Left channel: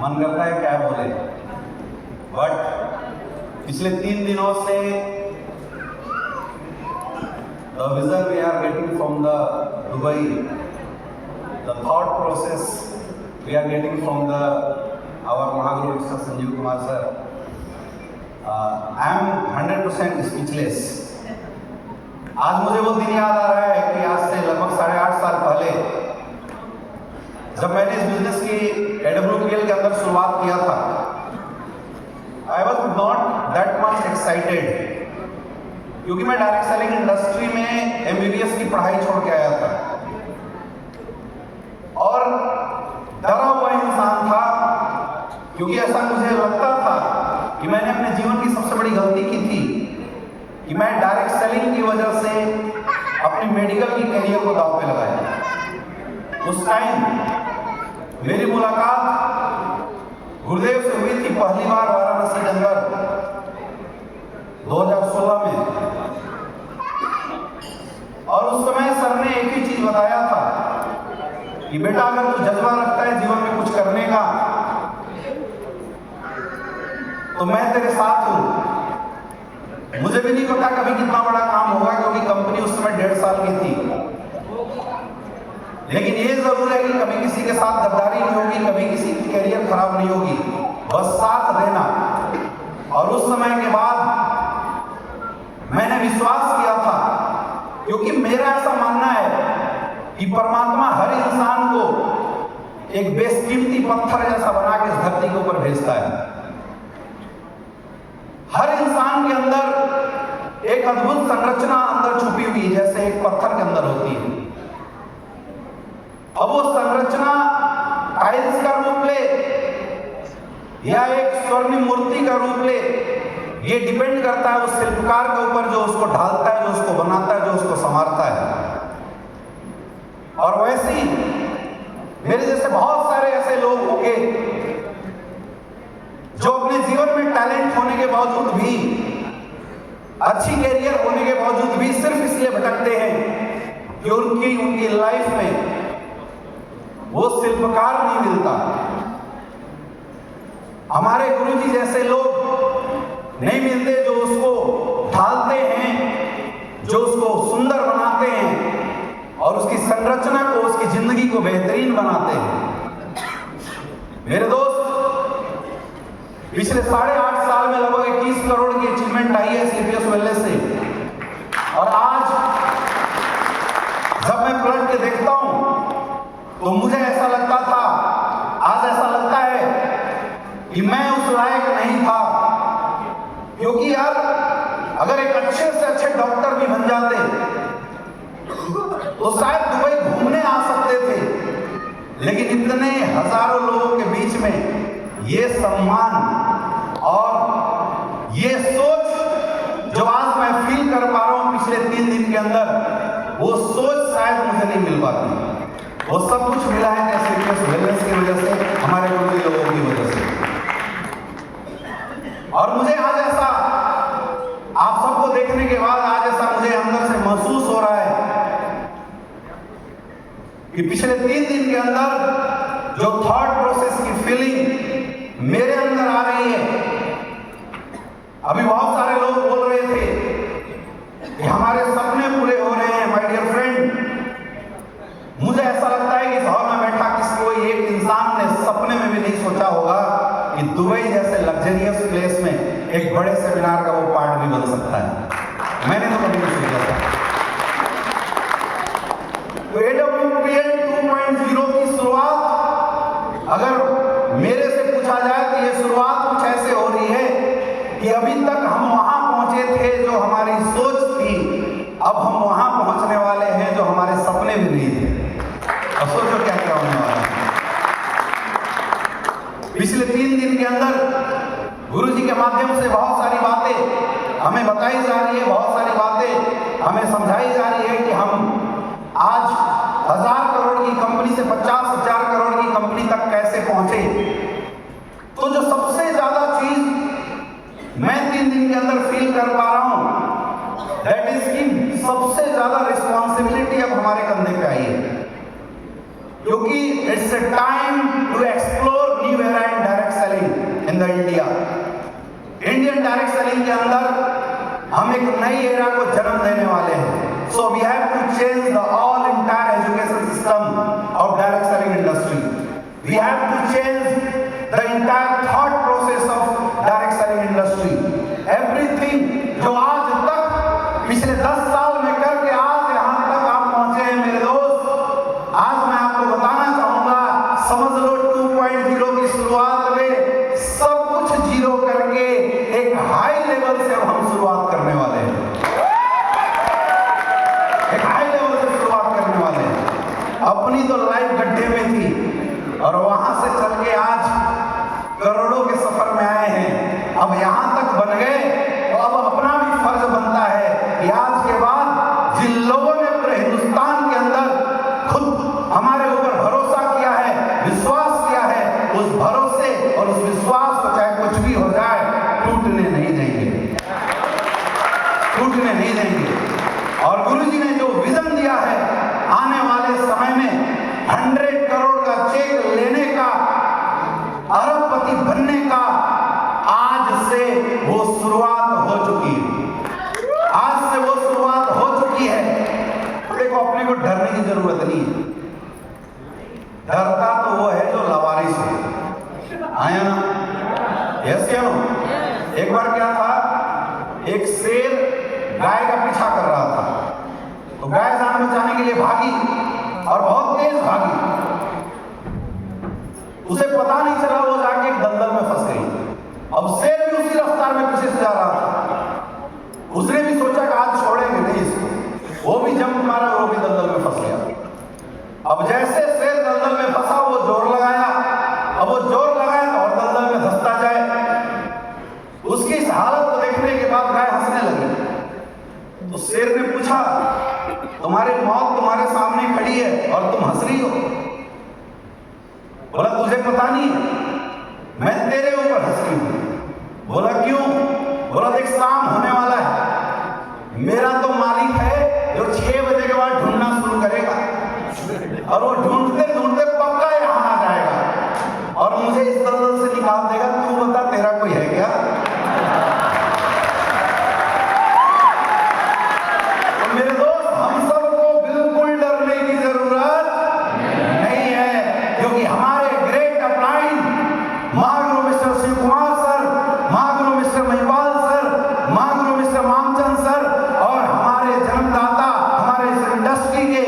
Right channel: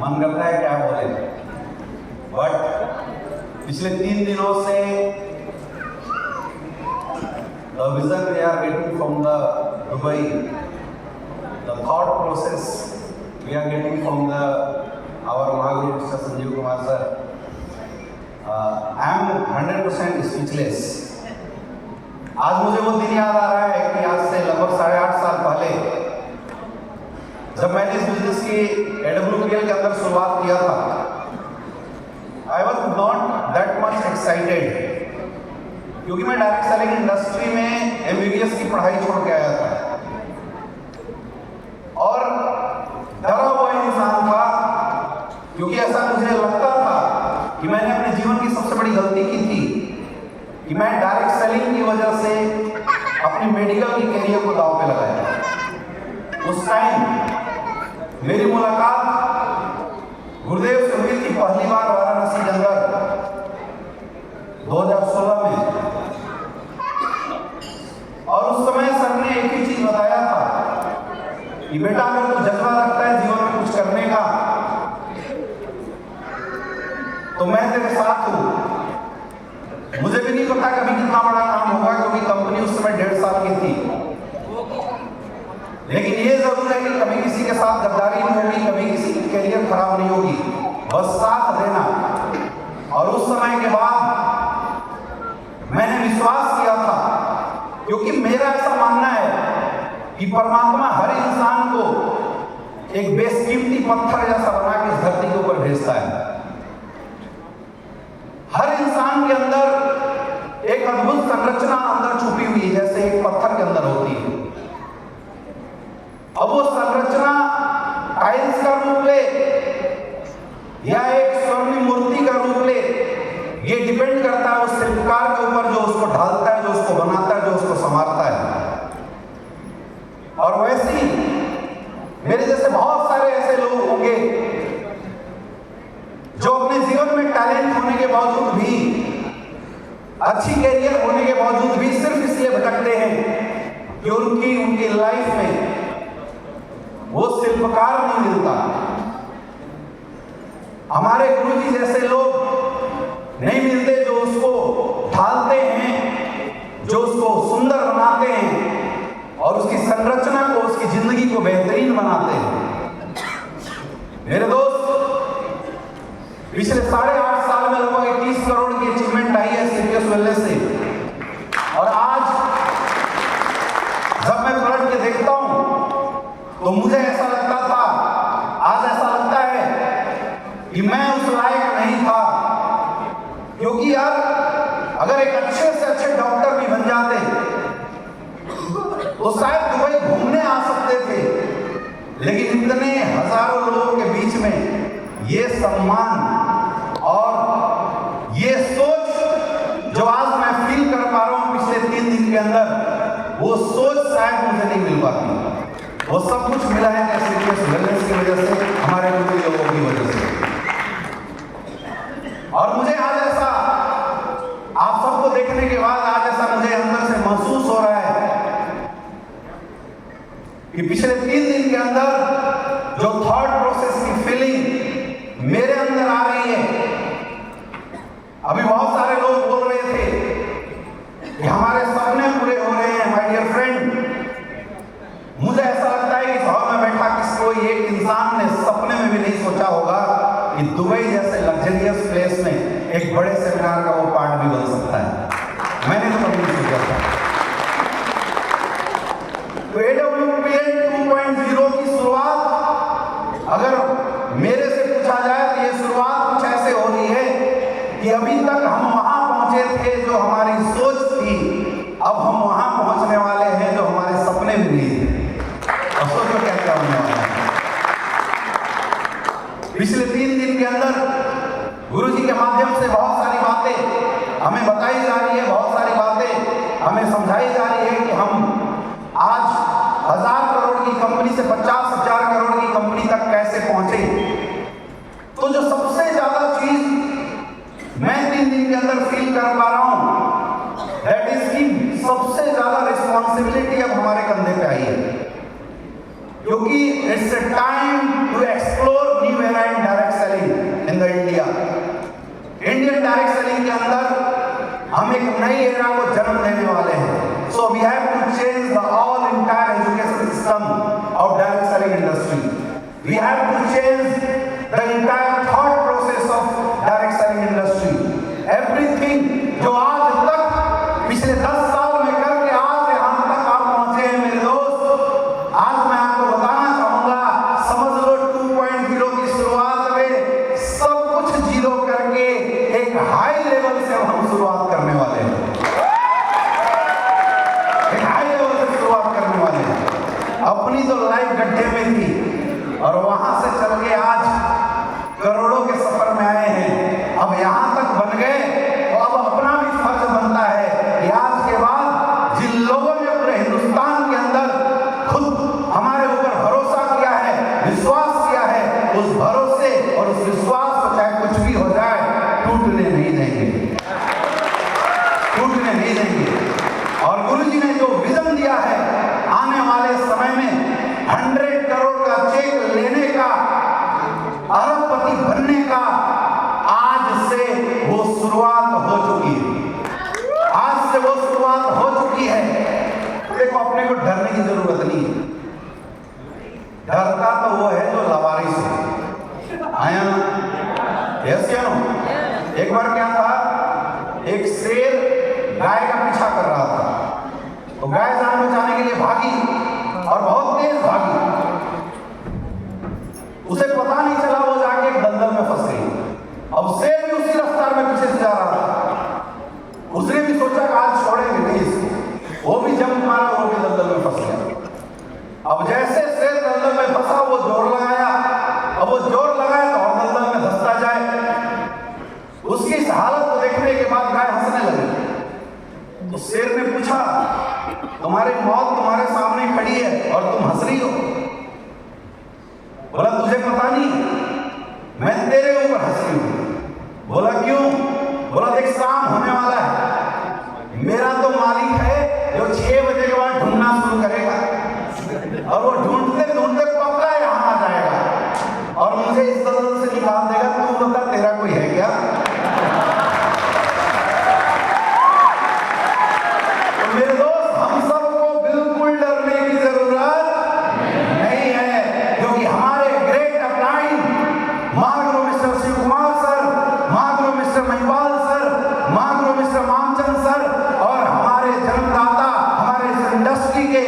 मन करता है क्या बोले, बट पिछले 3 दिनों से the vision we are getting from the Dubai, the thought process we are getting from the our Mahaguru Mr. Sanjeev Kumar sir. I am 100% speechless. आज मुझे वो दिन याद आ रहा है कि आज से लगभग 8.5 साल पहले जब मैंने इस बिजनेस की AWPL के अंदर शुरुआत किया था, I was not that much excited क्योंकि मैं डायरेक्ट सेलिंग इंडस्ट्री में MBBS की पढ़ाई छोड़ के आया था और डरा हुआ इंसान था, क्योंकि ऐसा मुझे लगता था कि मैंने अपने जीवन की सबसे बड़ी गलती की थी कि मैं डायरेक्ट सेलिंग की वजह से अपने मेडिकल की करियर को दांव पे लगाया। उस टाइम मेरी मुलाकात गुरुदेव से हुई थी पहली बार वाराणसी के अंदर 2016 में, और उस समय सर ने एक ही चीज बताया था कि बेटा अगर तू जज्बा रखता है जीवन में कुछ करने का तो मैं तेरे साथ हूं। मुझे भी नहीं पता कभी कितना बड़ा काम होगा, क्योंकि कंपनी उस समय 1.5 साल की थी, लेकिन ये जरूर है कि कभी किसी के साथ गद्दारी नहीं होगी, कभी किसी की कैरियर खराब नहीं होगी, बस साथ देना। और उस समय के बाद मैंने विश्वास किया था, क्योंकि मेरा ऐसा मानना है कि परमात्मा हर इंसान को एक बेशकीमती पत्थर जैसा बना के इस धरती के ऊपर भेजता है। हर इंसान के अंदर एक अद्भुत संरचना अंदर छुपी हुई है, जैसे एक पत्थर के अंदर होती है। अब वो संरचना टाइल्स का रूप ले या एक स्वर्णिम मूर्ति का रूप ले, ये डिपेंड करता है उस शिल्पकार के ऊपर जो उसको ढालता है, जो उसको बनाता है, जो उसको संवारता है। और वैसे ही मेरे जैसे बहुत सारे ऐसे लोग होंगे जो अपने जीवन में टैलेंट होने के बावजूद भी, अच्छी कैरियर होने के बावजूद भी सिर्फ इसलिए भटकते हैं कि उनकी लाइफ में वो शिल्पकार नहीं मिलता। हमारे गुरु जी जैसे लोग नहीं मिलते जो उसको ढालते हैं, जो उसको सुंदर बनाते हैं और उसकी संरचना को, उसकी जिंदगी को बेहतरीन बनाते हैं। मेरे दोस्त, पिछले 8.5 साल में लगभग 21 करोड़ की अचीवमेंट आई है CPS वेलनेस से, और आज जब मैं पलट के देखता हूं तो मुझे ऐसा लगता था, आज ऐसा लगता है कि मैं उस लायक नहीं था, क्योंकि यार अगर एक अच्छे से अच्छे डॉक्टर भी बन जाते तो शायद दुबई घूमने आ सकते थे, लेकिन इतने हजारों लोगों के बीच में ये सम्मान और ये सोच जो आज मैं फील कर पा रहा हूं पिछले 3 दिन के अंदर, वो सोच शायद मुझे नहीं मिल पाती। वो सब कुछ मिला है CPS वेलनेस की वजह से, हमारे गुरु लोगों की वजह से। और मुझे आज ऐसा, आप सबको देखने के बाद आज ऐसा मुझे अंदर से महसूस हो रहा है कि पिछले 3 दिन के अंदर जो थॉट प्रोसेस की फीलिंग मेरे अंदर आ रही है, अभी बहुत सारे लोग बोल रहे थे कि हमारे सपने पूरे हो रहे हैं। माय डियर फ्रेंड, मुझे ऐसा लगता है कि हॉल में बैठा किसी को एक इंसान ने सपने में भी नहीं सोचा होगा कि दुबई जैसे लग्जरियस प्लेस में एक बड़े सेमिनार का वो पार्ट भी बन सकता है। मैंने तो कभी नहीं सोचा था। तो AWPL 2.0 की शुरुआत अगर मेरे से पूछा जाए तो ये शुरुआत कुछ ऐसे हो रही है कि अभी तक हम वहां पहुंचे थे जो हमारी सोच थी, अब हम वहां पहुंचने वाले हैं जो हमारे सपने में नहीं थे। और सोचो क्या क्या होने वाला है। पिछले 3 दिन के अंदर गुरु जी के माध्यम से बहुत सारी बातें हमें बताई जा रही है, बहुत सारी बातें हमें समझाई जा रही है कि हम आज 1000 करोड़ की कंपनी से 50,000 करोड़ की कंपनी तक कैसे पहुंचे। तो जो सबसे ज्यादा चीज मैं 3 दिन के अंदर फील कर पा रहा हूं, दैट इज की सबसे ज्यादा रिस्पॉन्सिबिलिटी अब हमारे कंधे पे आई है, क्योंकि it's a time to explore new era in We have to change the entire thought process of direct selling industry. Everything जो आज तक पिछले 10 साल में करके आज यहाँ तक आप पहुंचे हैं मेरे दोस्त, आज मैं आपको बताना चाहूंगा, समझ लो 2.0 की शुरुआत में सब कुछ जीरो करके एक हाई लेवल से हम शुरुआत करने वाले हैं। एक हाई लेवल से शुरुआत करने वाले हैं। अपनी तो लाइफ गड्ढे में थी और वहां से चल के आज करोड़ों के सफर में आए हैं। अब यहां तक बन गए तो अब अपना भी फर्ज बनता है कि आज के बाद जिन लोगों ने पूरे हिंदुस्तान के अंदर खुद हमारे ऊपर भरोसा किया है, विश्वास किया है, उस भरोसे और उस विश्वास को चाहे कुछ भी हो जाए टूटने नहीं देंगे, टूटने नहीं देंगे। और गुरुजी ने जो विजन दिया है आने वाले समय में 100 करोड़ का चेक लेने का, अरबपति बनने का, आज से वो शुरुआत हो चुकी है। आज से वो शुरुआत हो चुकी है। देखो अपने को डरने की जरूरत नहीं, डरता तो वो है जो लावारिस है। आया ना? कैसे हो? एक बार क्या था, एक शेर गाय का पीछा कर रहा था, तो गाय जान बचाने के लिए भागी और बहुत तेज भागी। उसे पता नहीं चला, वो जाके एक दलदल में फंस गई। अब शेर भी उसी रफ्तार में पीछे से जा रहा था। उसने भी सोचा कि आज छोड़ेंगे नहीं इसको, वो भी जंप मारा, वो भी दलदल में फंस गया। अब जैसे शेर दलदल में फंसा, वो जोर लगाया। अब वो जोर लगाया तो और दलदल में धंसता जाए। उसकी इस हालत को देखने के बाद गाय हंसने लगी। तो शेर ने पूछा, तुम्हारी मौत तुम्हारे सामने खड़ी है और तुम हंस रही हो? बोला तुझे पता नहीं, मैं तेरे ऊपर हंस रही हूं। बोला क्यों? बोला देख शाम होने वाला है, मेरा तो मालिक है जो 6 बजे के बाद ढूंढना शुरू करेगा और वो ढूंढते ढूंढते पक्का यहाँ आ जाएगा और मुझे इस दलदल से निकाल देगा। तू बता तेरा कोई है क्या? तो मेरे दोस्त, हम सबको बिल्कुल डरने की जरूरत नहीं है, क्योंकि हमारे great upline Mahaguru mister Shiv Kumar sir, Mahaguru mister Mahipal sir, Mahaguru mister Mamchand sir और हमारे जन्मदाता, हमारे इस इंडस्ट्री के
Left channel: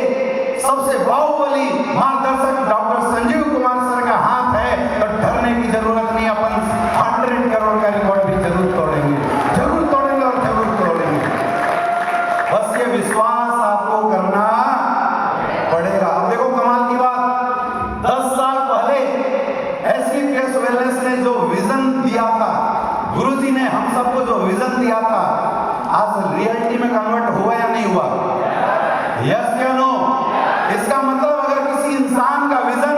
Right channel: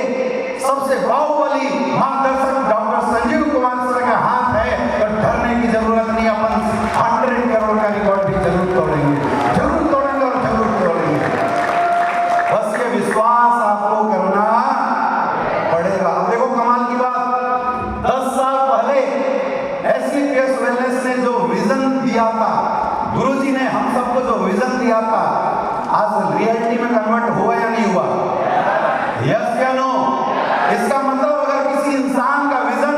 सबसे बाहुबली मार्गदर्शक डॉक्टर संजीव कुमार सर का हाथ है। तो डरने की जरूरत नहीं। अपन 100 करोड़ का रिकॉर्ड भी जरूर तोड़ेंगे, जरूर तोड़ेंगे और जरूर तोड़ेंगे। बस ये विश्वास आपको करना पड़ेगा। अब देखो कमाल की बात, 10 साल पहले एससीपीएस वेलनेस ने जो विजन दिया था, गुरुजी ने हम सबको जो विजन दिया था, आज रियलिटी में कन्वर्ट हुआ या नहीं हुआ? यस या नो? इसका मतलब अगर किसी इंसान का विजन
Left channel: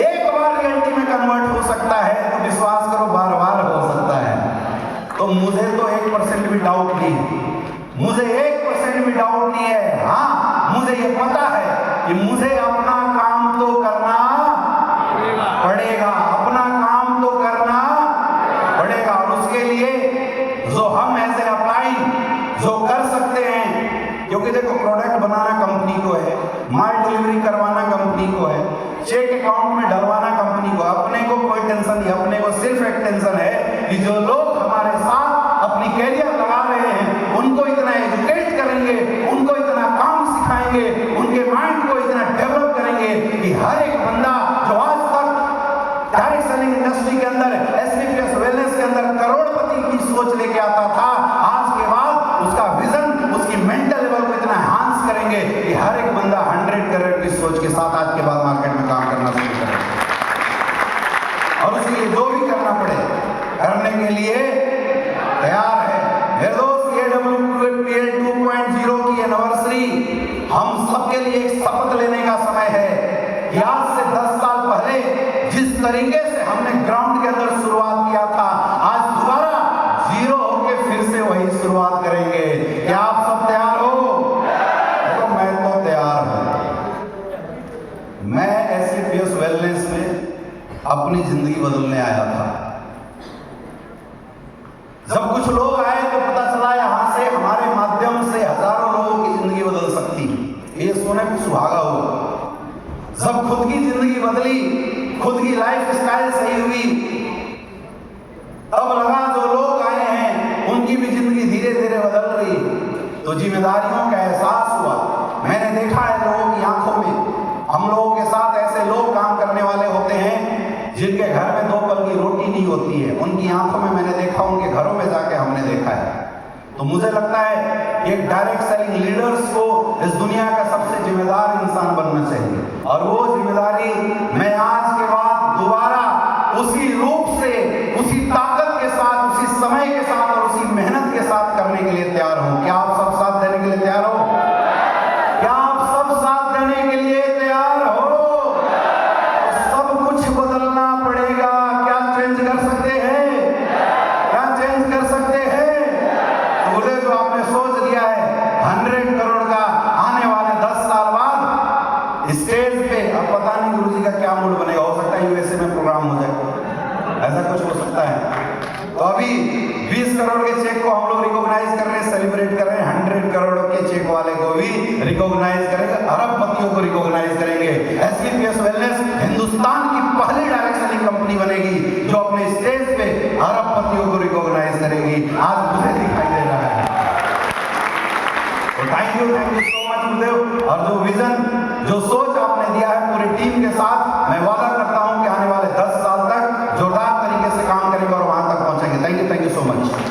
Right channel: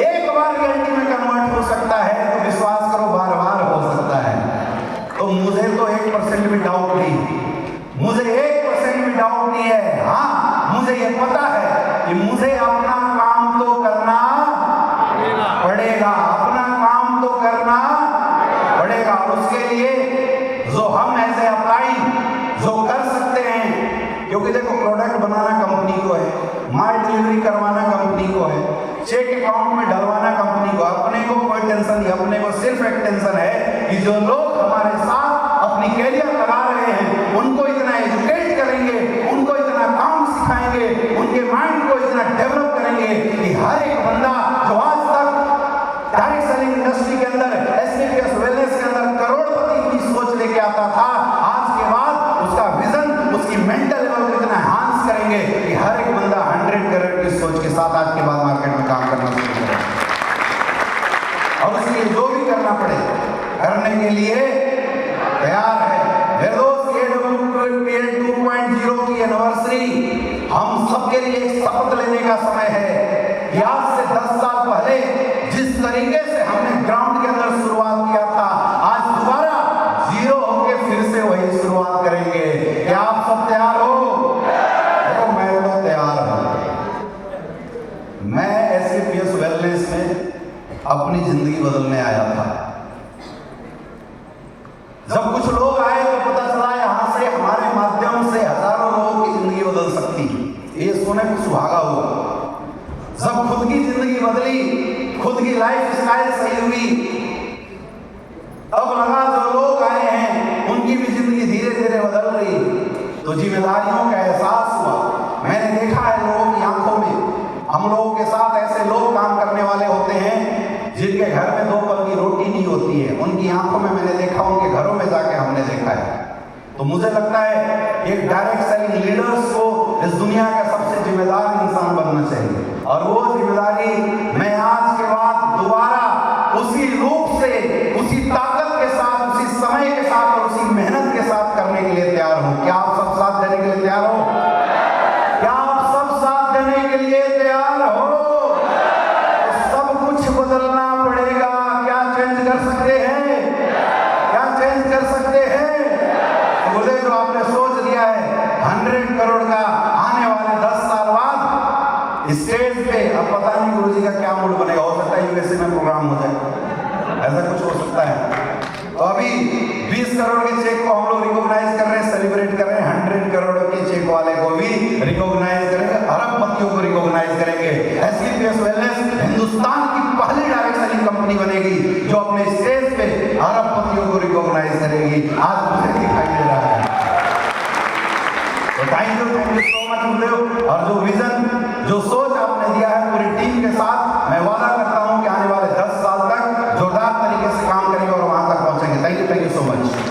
एक बार रियलिटी में कन्वर्ट हो सकता है तो विश्वास करो बार बार हो सकता है। तो मुझे तो 1% भी डाउट नहीं, मुझे 1% भी डाउट नहीं है। हाँ, मुझे ये पता है कि मुझे अपना काम तो करना पड़ेगा, अपना काम तो करना पड़ेगा। उसके लिए जो हम ऐसे अपलाइन जो कर सकते हैं, क्योंकि देखो प्रोडक्ट बनाना कंपनी को है, माल डिलीवरी करवाना कंपनी को है, चेक अकाउंट में डलवाना कंपनी को, अपने को कोई टेंशन नहीं। अपने को सिर्फ एक टेंशन है कि जो लोग हमारे साथ अपनी कैरियर लगा रहे हैं उनको इतना एजुकेट करेंगे, उनको इतना काम सिखाएंगे, उनके माइंड को इतना डेवलप करेंगे कि हर एक बंदा जो आज तक डायरेक्ट सेलिंग इंडस्ट्री के अंदर, एससीपीएस वेलनेस के अंदर करोड़पति की सोच लेके आता था, आज के बाद उसका विजन, उसकी मेंटल लेवल को इतना एनहांस करेंगे कि हर एक बंदा 100 करोड़ की सोच के साथ आज के बाद मार्केट में काम करना शुरू करेगा। और इसलिए जो भी करना पड़े करने के लिए तैयार है। मेरे दोस्त, ये WPA 2.0 की एनिवर्सरी हम सबके लिए एक शपथ लेने का समय है कि आज से 10 साल पहले जिस तरीके से हमने ग्राउंड के अंदर शुरुआत किया था, आज दोबारा जीरो होके फिर से वही शुरुआत करेंगे। क्या आप सब तैयार हो? देखो मैं तो तैयार हूं। मैं एससीपीएस वेलनेस में अपनी जिंदगी बदलने आया था। जब कुछ लोग आए तो पता चला यहां से हमारे माध्यम से हजारों लोगों की जिंदगी बदल सकती है। ये सुने कि सुहागा हुआ। जब खुद की जिंदगी बदली खुद की लाइफ स्टाइल सही हुई, तब लगा जो लोग आए हैं उनकी भी जिंदगी धीरे धीरे बदल रही, तो जिम्मेदारियों का एहसास हुआ। मैंने देखा है लोगों की आंखों में, हम लोगों के साथ ऐसे लोग काम करने वाले होते हैं जिनके घर में 2 पल की रोटी नहीं होती है, उनकी आंखों में मैंने देखा, उनके घरों में जाके हमने देखा है। तो मुझे लगता है एक डायरेक्ट सेलिंग लीडर्स को इस दुनिया का सबसे जिम्मेदार इंसान बनना चाहिए, और वो जिम्मेदारी मैं आज के बाद दोबारा उसी रूप से, उसी ताकत के साथ, उसी समय के साथ और उसी मेहनत के साथ करने के लिए तैयार हूं। क्या आप सब साथ देने के लिए तैयार हो? क्या आप सब साथ देने के लिए तैयार हो? तो सब कुछ बदलना पड़ेगा। क्या चेंज कर सकते हैं? क्या चेंज कर सकते हैं? मुझे जो आपने सोच लिया है 100 करोड़ का आने वाले 10 साल बाद स्टेज पे, अब पता नहीं गुरु जी का क्या मूड बनेगा, हो सकता है यूएसए में प्रोग्राम हो जाए, ऐसा कुछ हो सकता है। तो अभी 20 करोड़ के चेक को हम लोग रिकॉग्नाइज कर रहे हैं, सेलिब्रेट कर रहे हैं, 100 करोड़ के चेक वाले को भी रिकॉग्नाइज करेंगे, अरबपतियों को रिकॉग्नाइज करेंगे। एसकेपीएस वेलनेस हिंदुस्तान की पहली डायरेक्ट सेलिंग कंपनी बनेगी जो अपने स्टेज पे अरबपतियों को रिकॉग्नाइज करेगी। आज मुझे दिखाई दे रहा है। तो थैंक यू सो मच गुरुदेव। और जो विजन, जो सोच आपने दिया है पूरी टीम के साथ, मैं वादा करता हूं कि आने वाले 10